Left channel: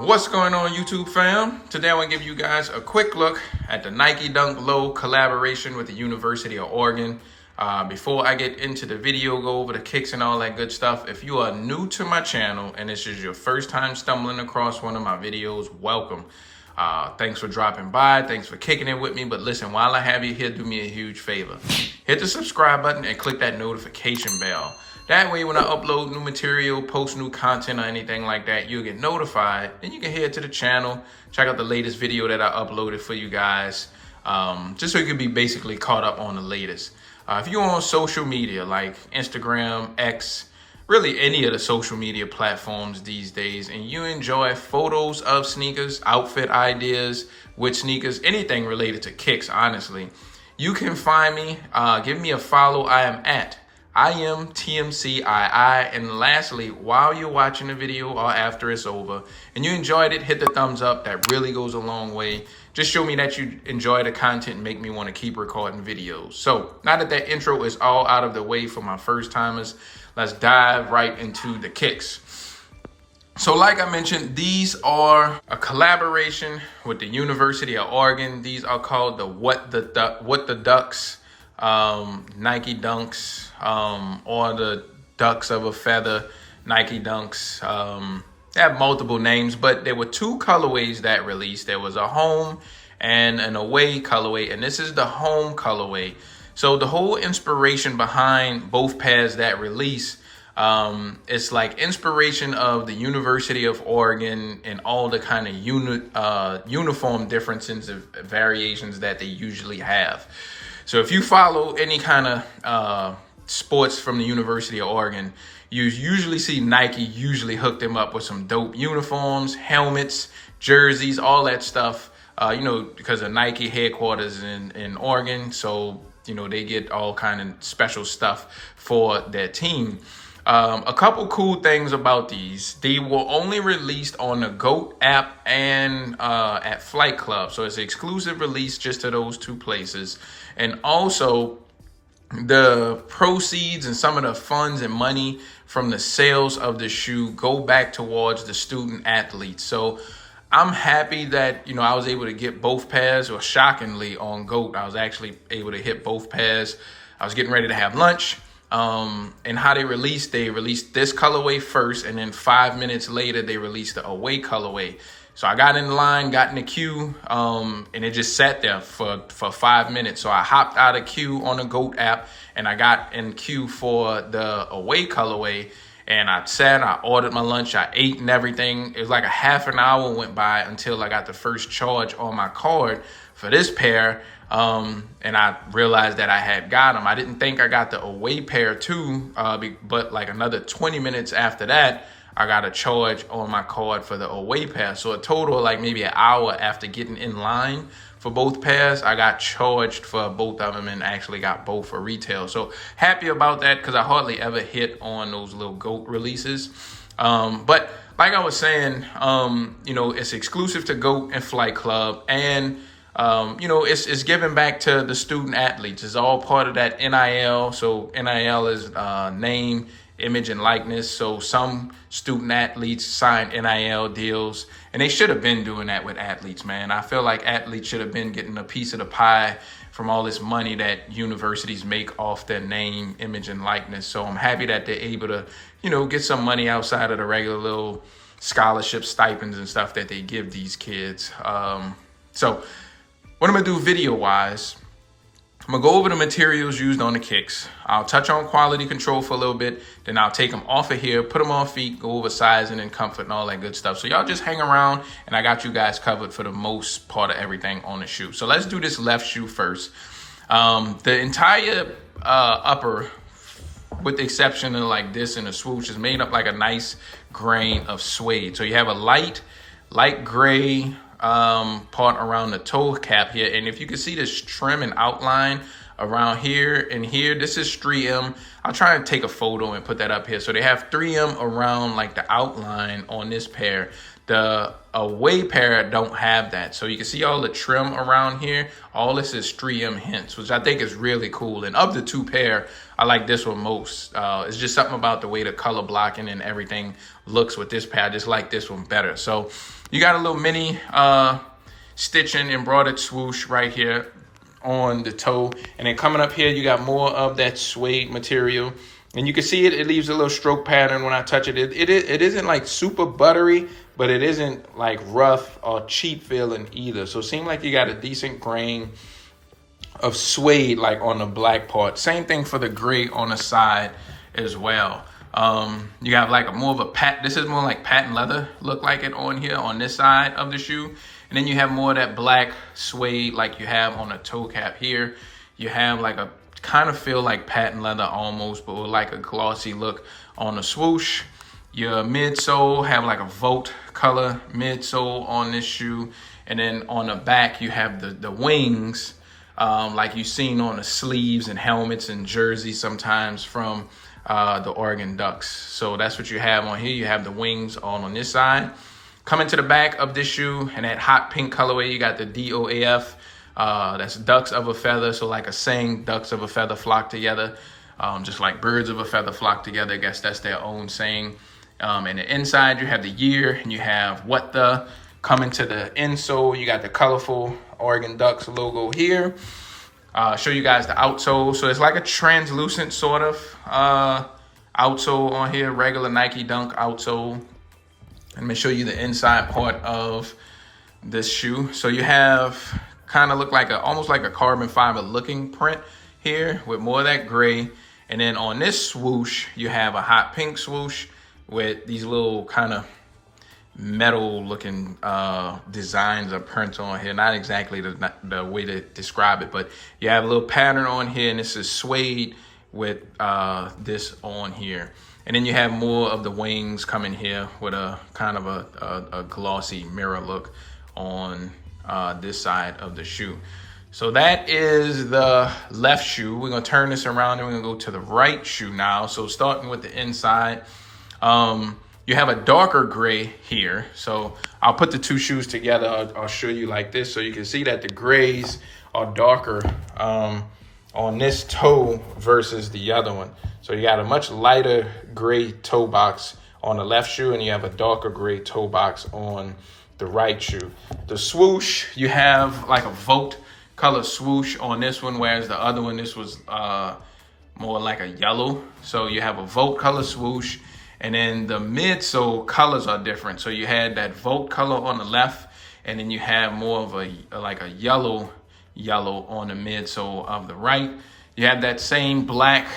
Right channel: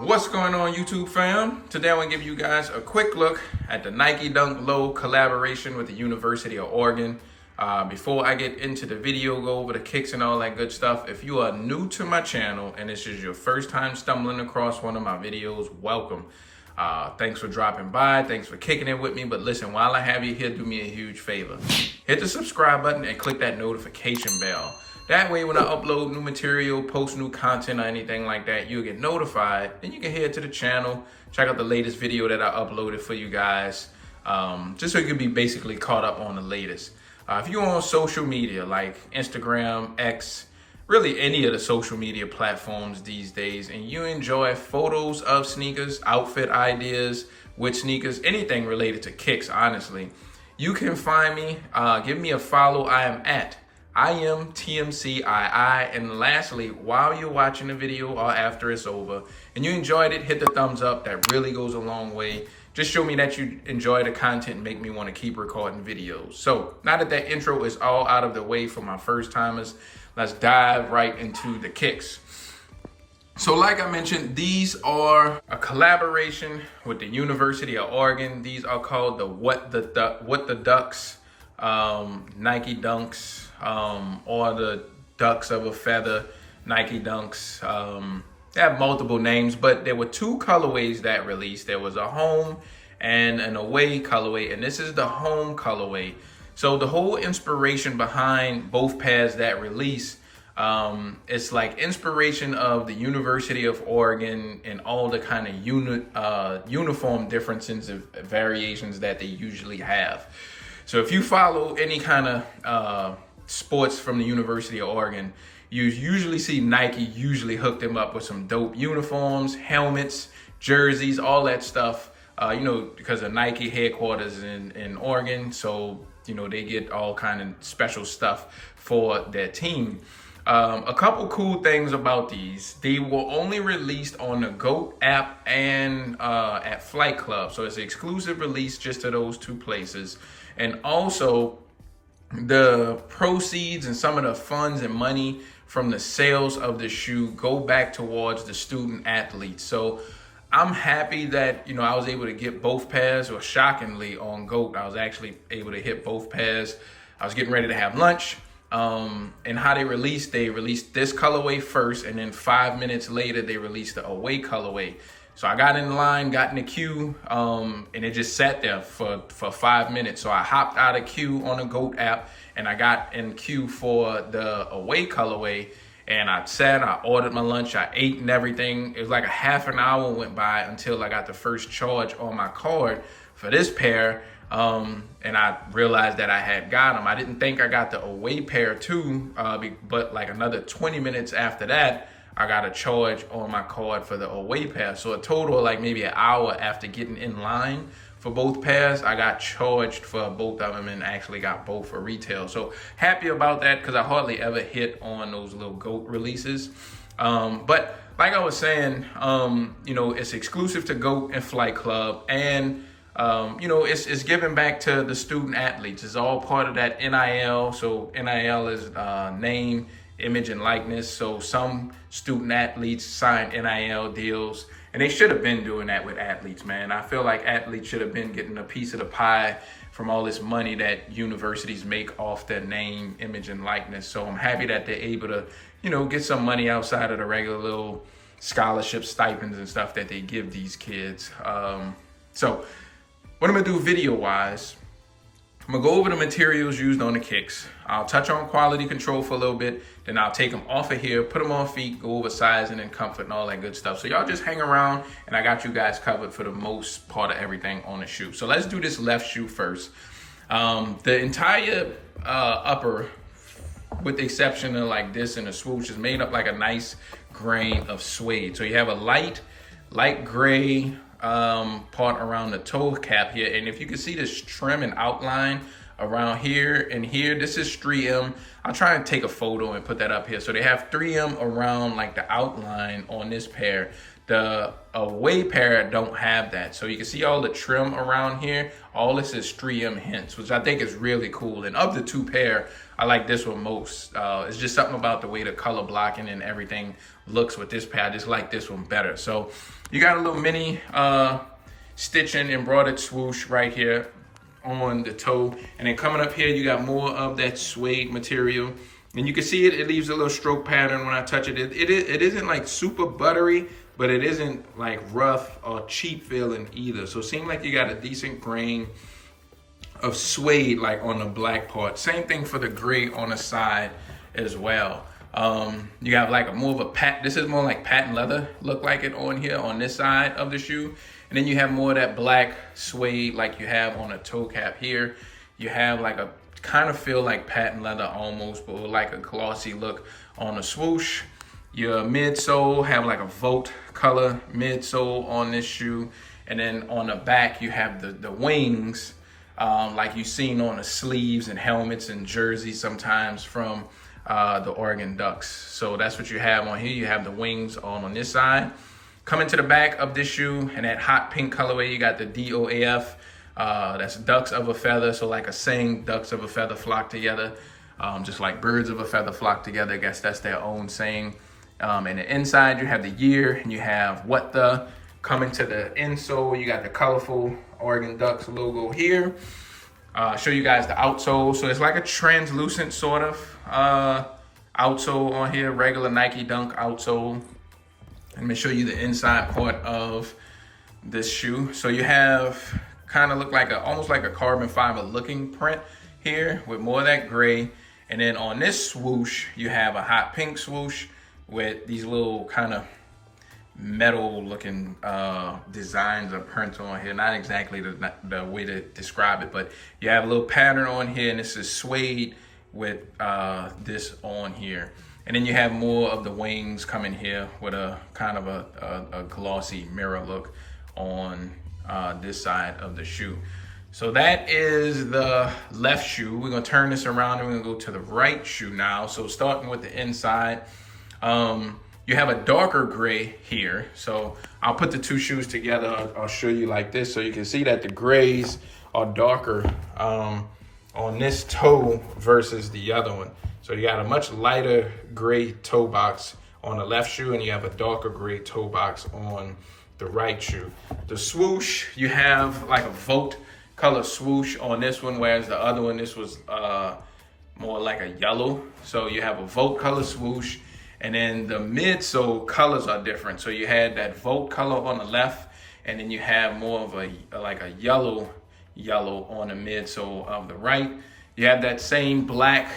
What's going on, YouTube fam? Today I want to give you guys a quick look at the Nike Dunk Low collaboration with the University of Oregon. Before I get into the video, go over the kicks and all that good stuff. If you are new to my channel and this is your first time stumbling across one of my videos, welcome. Thanks for dropping by. Thanks for kicking it with me. But listen, while I have you here, do me a huge favor. Hit the subscribe button and click that notification bell. That way, when I upload new material, post new content or anything like that, you'll get notified. Then you can head to the channel, check out the latest video that I uploaded for you guys, just so you can be basically caught up on the latest. If you're on social media like Instagram, X, really any of the social media platforms these days, and you enjoy photos of sneakers, outfit ideas with sneakers, anything related to kicks, honestly, you can find me. Give me a follow. I am at iAMTMCII. And lastly, while you're watching the video or after it's over and you enjoyed it, hit the thumbs up. That really goes a long way. Just show me that you enjoy the content and make me want to keep recording videos. So now that that intro is all out of the way for my first timers, let's dive right into the kicks. So like I mentioned, these are a collaboration with the University of Oregon. These are called the What the Ducks Nike Dunks, or the Ducks of a Feather Nike Dunks. They have multiple names, but there were two colorways that released. There was a home and an away colorway, and this is the home colorway. So the whole inspiration behind both pairs that release, it's like inspiration of the University of Oregon and all the kind of uniform differences and variations that they usually have. So if you follow any kind of sports from the University of Oregon, you usually see Nike usually hook them up with some dope uniforms, helmets, jerseys, all that stuff, because of Nike headquarters in Oregon. So, they get all kind of special stuff for their team. A couple cool things about these. They were only released on the GOAT app and at Flight Club. So it's an exclusive release just to those two places. And also, the proceeds and some of the funds and money from the sales of the shoe go back towards the student athletes. So I'm happy that, I was able to get both pairs, or shockingly on GOAT, I was actually able to hit both pairs. I was getting ready to have lunch. And how they released this colorway first, and then 5 minutes later, they released the away colorway. So I got in line, got in the queue, and it just sat there for 5 minutes. So I hopped out of queue on the GOAT app, and I got in queue for the away colorway. And I ordered my lunch, I ate and everything. It was like a half an hour went by until I got the first charge on my card for this pair. And I realized that I had got them. I didn't think I got the away pair too, but like another 20 minutes after that, I got a charge on my card for the away pair. So a total of like maybe an hour after getting in line for both pairs, I got charged for both of them and actually got both for retail. So happy about that, because I hardly ever hit on those little GOAT releases. But like I was saying, it's exclusive to GOAT and Flight Club, and it's giving back to the student athletes. It's all part of that NIL. So NIL is name, image, and likeness. So some student athletes sign NIL deals, and they should have been doing that with athletes, man. I feel like athletes should have been getting a piece of the pie from all this money that universities make off their name, image, and likeness. So I'm happy that they're able to, get some money outside of the regular little scholarship stipends and stuff that they give these kids. So what I'm gonna do video-wise, I'm gonna go over the materials used on the kicks. I'll touch on quality control for a little bit, then I'll take them off of here, put them on feet, go over sizing and comfort and all that good stuff. So y'all just hang around, and I got you guys covered for the most part of everything on the shoe. So let's do this left shoe first. The entire upper, with the exception of like this and the swoosh, is made up like a nice grain of suede. So you have a light gray part around the toe cap here, and if you can see this trim and outline around here and here. This is 3M. I'll try and take a photo and put that up here. So they have 3M around like the outline on this pair. The away pair don't have that. So you can see all the trim around here. All this is 3M hints, which I think is really cool. And of the two pair, I like this one most. It's just something about the way the color blocking and everything looks with this pair. I just like this one better. So you got a little mini stitching embroidered swoosh right here on the toe. And then coming up here, you got more of that suede material. And you can see it leaves a little stroke pattern when I touch it. It isn't like super buttery, but it isn't like rough or cheap feeling either. So it seems like you got a decent grain of suede like on the black part. Same thing for the gray on the side as well. You have like more of a this is more like patent leather look like it on here on this side of the shoe. And then you have more of that black suede like you have on the toe cap here. You have like a kind of feel like patent leather almost, but with like a glossy look on the swoosh. Your midsole have like a Volt color midsole on this shoe. And then on the back, you have the wings like you've seen on the sleeves and helmets and jerseys sometimes from the Oregon Ducks. So that's what you have on here. You have the wings on this side. Coming to the back of this shoe and that hot pink colorway, you got the DOAF. That's ducks of a feather. So like a saying, ducks of a feather flock together. Just like birds of a feather flock together. I guess that's their own saying. And the inside, you have the year and you have what the. Coming to the insole, you got the colorful Oregon Ducks logo here. Show you guys the outsole. So it's like a translucent sort of outsole on here, regular Nike Dunk outsole. Let me show you the inside part of this shoe. So you have kind of look like almost like a carbon fiber looking print here with more of that gray. And then on this swoosh, you have a hot pink swoosh with these little kind of metal looking designs or prints on here. Not exactly the way to describe it, but you have a little pattern on here, and this is suede with this on here. And then you have more of the wings coming here with a kind of a glossy mirror look on this side of the shoe. So that is the left shoe. We're gonna turn this around and we're gonna go to the right shoe now. So starting with the inside, you have a darker gray here. So I'll put the two shoes together. I'll show you like this so you can see that the grays are darker on this toe versus the other one. So you got a much lighter gray toe box on the left shoe and you have a darker gray toe box on the right shoe. The swoosh, you have like a Volt color swoosh on this one, whereas the other one, this was more like a yellow. So you have a Volt color swoosh. And then the midsole colors are different. So you had that Volt color on the left, and then you have more of like a yellow on the midsole of the right. You have that same black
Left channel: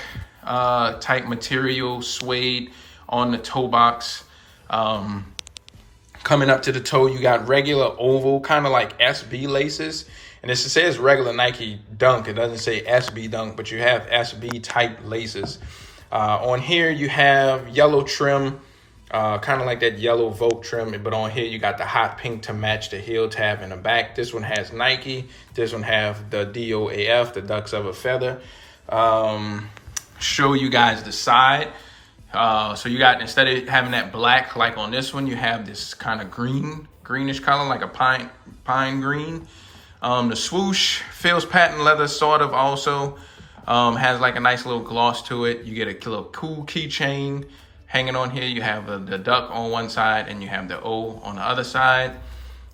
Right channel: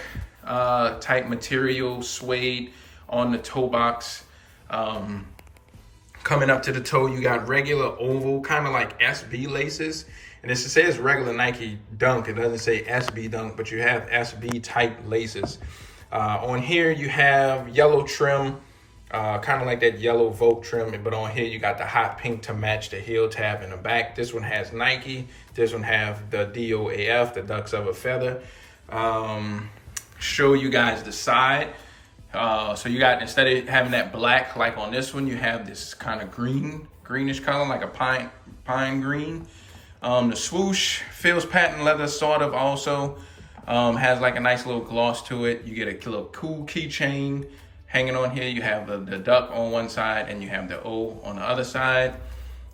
type material suede on the toe box. Coming up to the toe, you got regular oval, kind of like SB laces. And this says regular Nike Dunk. It doesn't say SB Dunk, but you have SB type laces. On here, you have yellow trim, kind of like that yellow Volt trim, but on here, you got the hot pink to match the heel tab in the back. This one has Nike. This one have the DOAF, the Ducks of a Feather. Show you guys the side. So you got, instead of having that black like on this one, you have this kind of greenish color, like a pine green. The swoosh feels patent leather sort of also. Has like a nice little gloss to it. You get a little cool keychain hanging on here. You have the duck on one side and you have the O on the other side.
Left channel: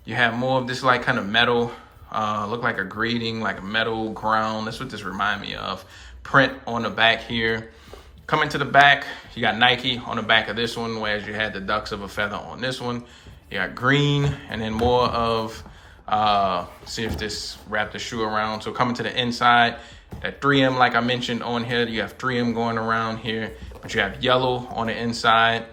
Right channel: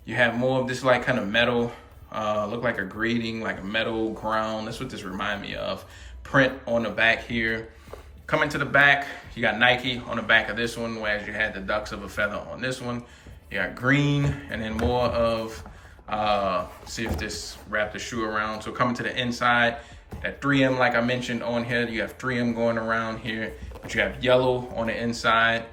You have more of this like kind of metal, look like a grating, like a metal ground. That's what this reminds me of. Print on the back here. Coming to the back, you got Nike on the back of this one, whereas you had the Ducks of a Feather on this one. You got green and then more of, see if this wrapped the shoe around. So coming to the inside, that 3M, like I mentioned on here, you have 3M going around here, but you have yellow on the inside,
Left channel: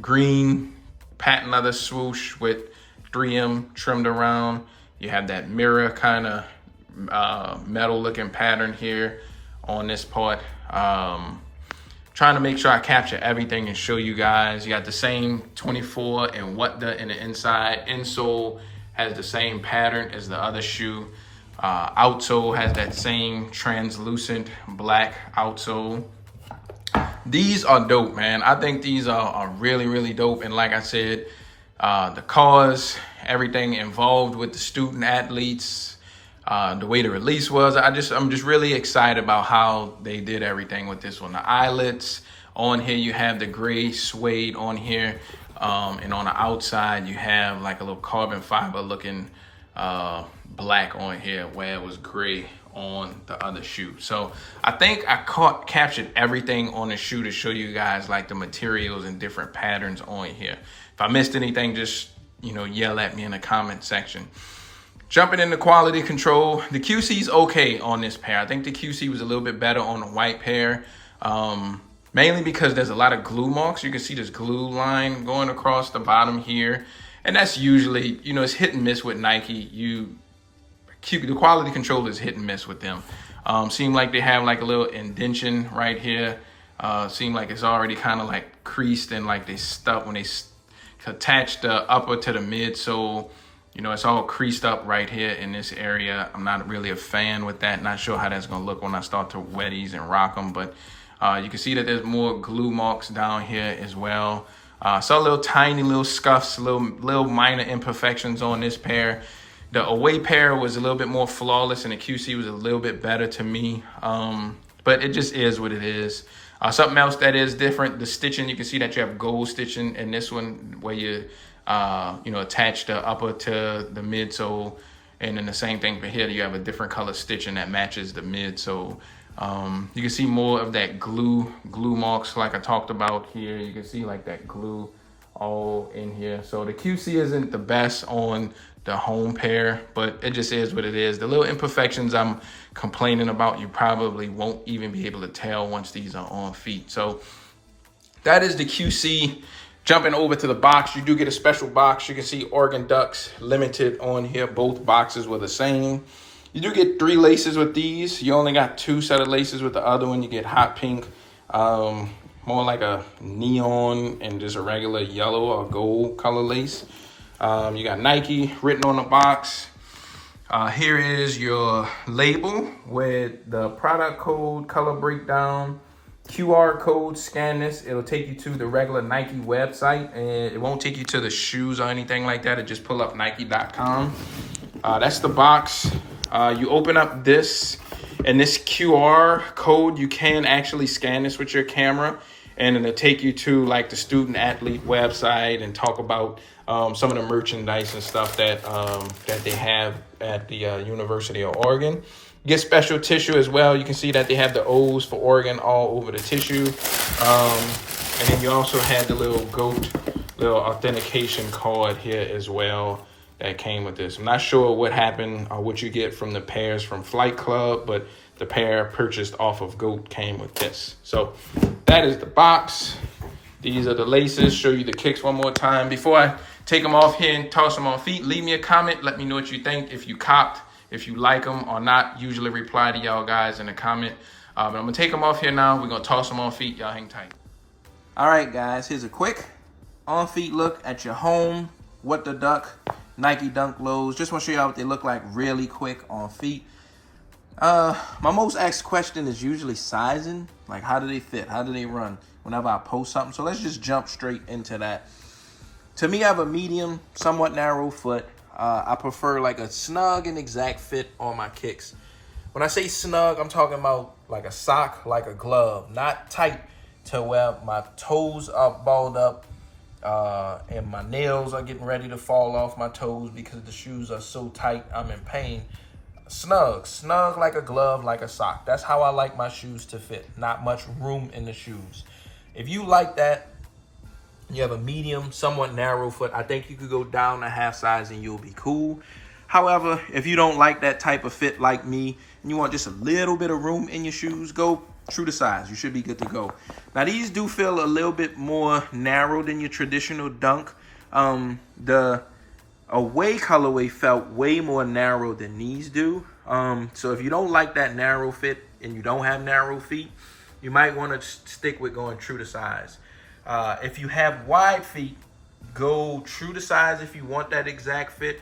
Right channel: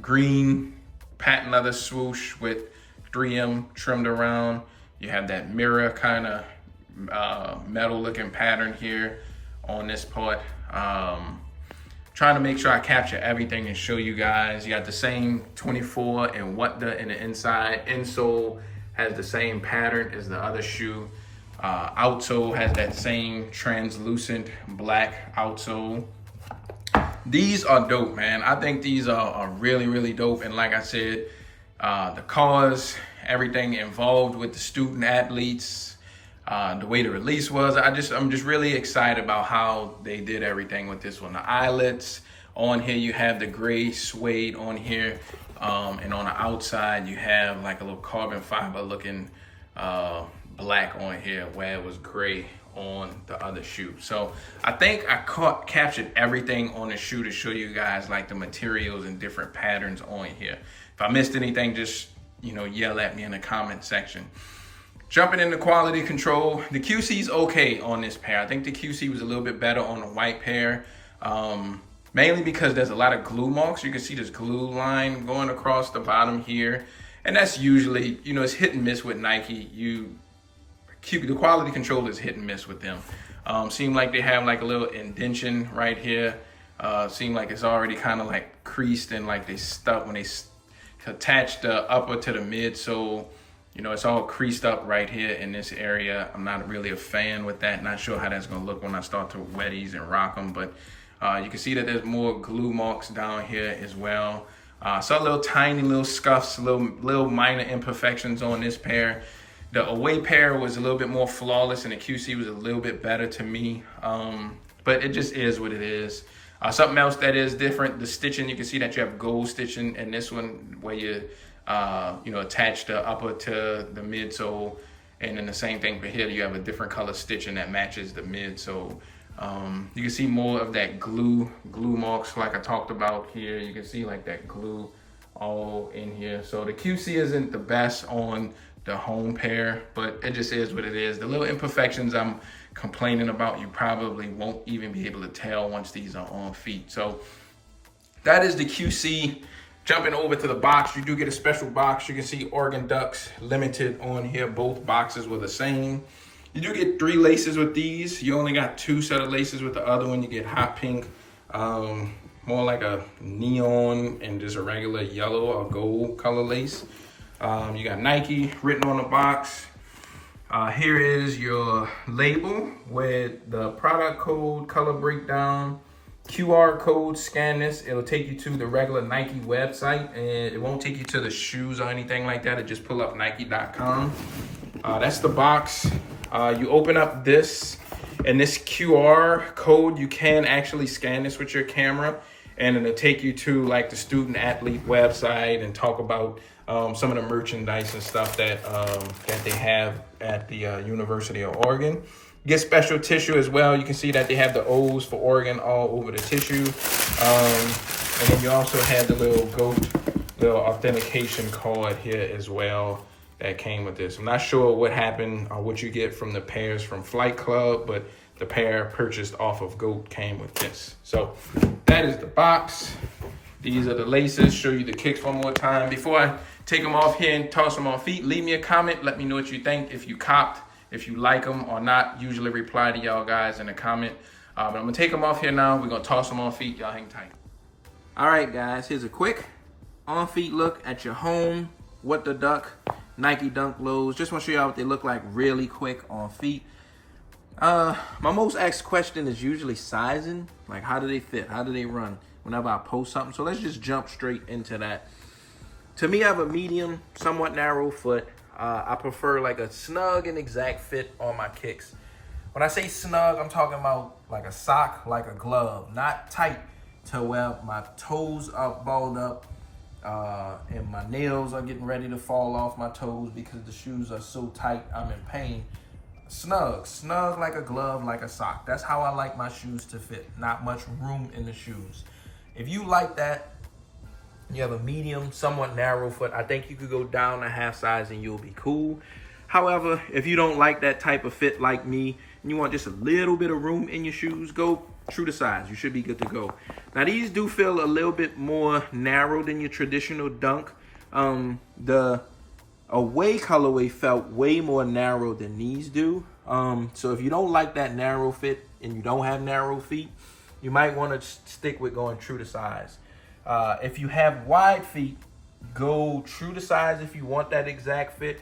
green patent leather swoosh with 3M trimmed around. You have that mirror kind of metal looking pattern here on this part. Trying to make sure I capture everything and show you guys. You got the same 24 and what the in the inside. Insole has the same pattern as the other shoe. Outsole has that same translucent black outsole. These are dope, man. I think these are really, really dope. And like I said, the cause, everything involved with the student athletes, the way the release was, I'm just really excited about how they did everything with this one. The eyelets on here, you have the gray suede on here, and on the outside you have like a little carbon fiber looking black on here, where it was gray on the other shoe. So I think I captured everything on the shoe to show you guys like the materials and different patterns on here. If I missed anything, just yell at me in the comment section. Jumping into quality control, the QC's okay on this pair. I think the QC was a little bit better on the white pair, mainly because there's a lot of glue marks. You can see this glue line going across the bottom here, and that's usually, it's hit and miss with Nike. The quality control is hit and miss with them. Seem like they have like a little indentation right here. Seem like it's already kind of like creased and like they stuck when they attach the upper to the midsole. It's all creased up right here in this area. I'm not really a fan with that. Not sure how that's gonna look when I start to wet these and rock them, but you can see that there's more glue marks down here as well. Saw little tiny little scuffs, little minor imperfections on this pair. The away pair was a little bit more flawless and the QC was a little bit better to me. But it just is what it is. Something else that is different, the stitching, you can see that you have gold stitching in this one where you attach the upper to the midsole. And then the same thing for here, you have a different color stitching that matches the midsole. You can see more of that glue marks like I talked about here. You can see like that glue all in here. So the QC isn't the best on the home pair, but it just is what it is. The little imperfections I'm complaining about, you probably won't even be able to tell once these are on feet. So that is the QC. Jumping over to the box, you do get a special box. You can see Oregon Ducks limited on here. Both boxes were the same. You do get 3 laces with these. You only got 2 set of laces with the other one. You get hot pink, more like a neon, and just a regular yellow or gold color lace. You got Nike written on the box. Here is your label with the product code, color breakdown, QR code. Scan this. It'll take you to the regular Nike website, and it won't take you to the shoes or anything like that. It just pull up Nike.com. That's the box. You open up this, and this QR code, you can actually scan this with your camera, and it'll take you to like the student athlete website and talk about some of the merchandise and stuff that they have at the University of Oregon. You get special tissue as well. You can see that they have the O's for Oregon all over the tissue. And then you also have the little authentication card here as well that came with this. I'm not sure what happened or what you get from the pairs from Flight Club, but the pair purchased off of GOAT came with this. So that is the box. These are the laces. Show you the kicks one more time. Before I take them off here and toss them on feet, leave me a comment. Let me know what you think. If you copped, if you like them or not. Usually reply to y'all guys in the comment. But I'm gonna take them off here now. We're gonna toss them on feet. Y'all hang tight. All right, guys. Here's a quick on feet look at your home. What the Duck Nike Dunk Lows. Just want to show y'all what they look like really quick on feet. My most asked question is usually sizing. Like, how do they fit? How do they run whenever I post something? So let's just jump straight into that. To me, I have a medium, somewhat narrow foot. I prefer like a snug and exact fit on my kicks. When I say snug, I'm talking about like a sock, like a glove, not tight to where my toes are balled up and my nails are getting ready to fall off my toes because the shoes are so tight, I'm in pain. Snug like a glove, like a sock. That's how I like my shoes to fit. Not much room in the shoes. If you like that, you have a medium, somewhat narrow foot, I think you could go down a half size and you'll be cool. However, if you don't like that type of fit like me, and you want just a little bit of room in your shoes, go true to size. You should be good to go. Now, these do feel a little bit more narrow than your traditional Dunk. The away colorway felt way more narrow than these do. So if you don't like that narrow fit and you don't have narrow feet, you might want to stick with going true to size. If you have wide feet, go true to size if you want that exact fit.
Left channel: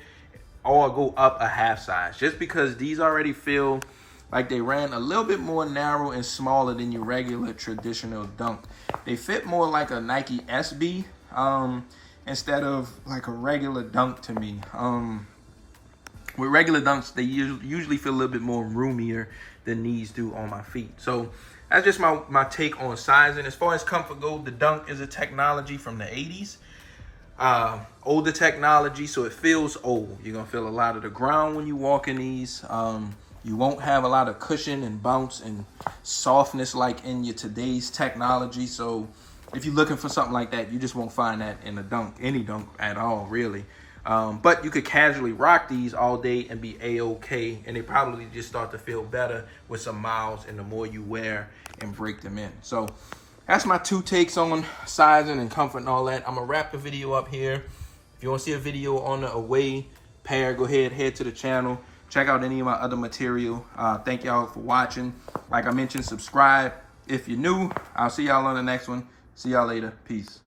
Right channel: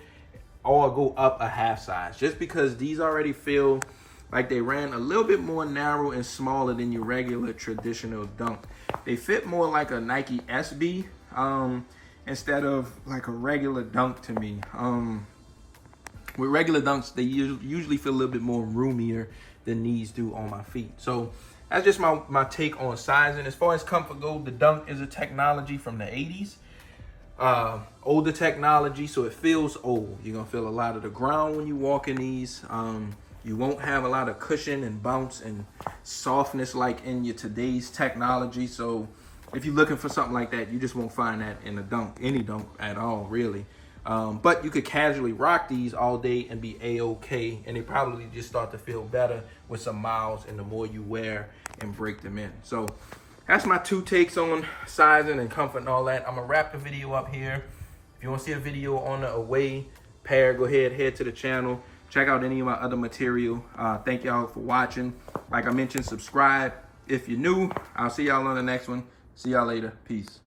or go up a half size, just because these already feel like they ran a little bit more narrow and smaller than your regular traditional Dunk. They fit more like a Nike SB instead of like a regular Dunk to me. With regular Dunks, they usually feel a little bit more roomier than these do on my feet. So that's just my take on sizing. As far as comfort goes, the Dunk is a technology from the 80s. Older technology, so it feels old. You're gonna feel a lot of the ground when you walk in these. You won't have a lot of cushion and bounce and softness like in your today's technology. So if you're looking for something like that, you just won't find that in a Dunk, any Dunk at all, really. But you could casually rock these all day and be a-okay, and they probably just start to feel better with some miles and the more you wear and break them in. So that's my 2 takes on sizing and comfort and all that. I'm gonna wrap the video up here. If you want to see a video on the away pair, go ahead, head to the channel. Check out any of my other material. Thank y'all for watching. Like I mentioned, subscribe if you're new. I'll see y'all on the next one. See y'all later. Peace.